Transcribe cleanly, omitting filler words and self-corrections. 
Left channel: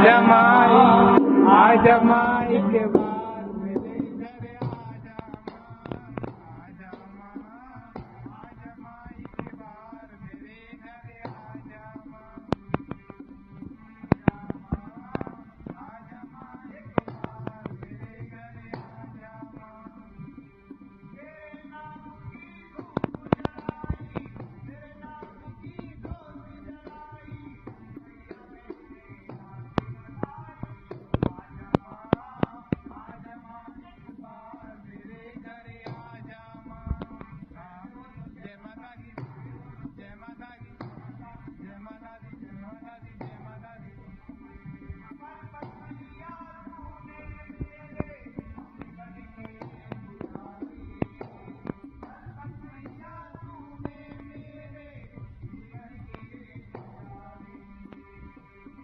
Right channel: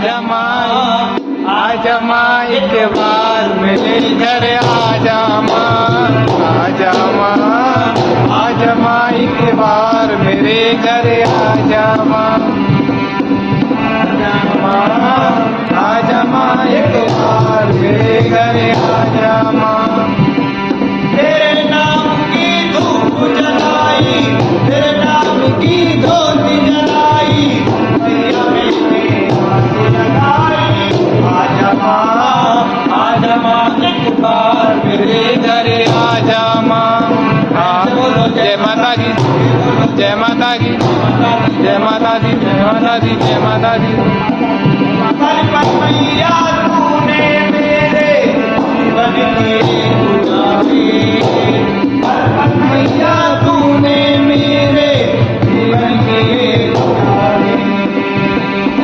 आजा माँ एक बार मेरे घर आजा माँ, आजा माँ, आजा माँ एक बार मेरे घर आजा माँ, आजा माँ, आजा माँ एक बार मेरे घर आजा माँ। तेरे नाम की धूप जलाई, तेरे नाम की धोती जलाई, मैया मेरी आरती लगाई। आजा माँ एक बार मेरे घर आजा माँ। बोलो जय माता दी, जय माता दी, जय माता दी, जय माता दी, जय माता दी। मैया तूने मेरे जीवन की गुजारी, मैया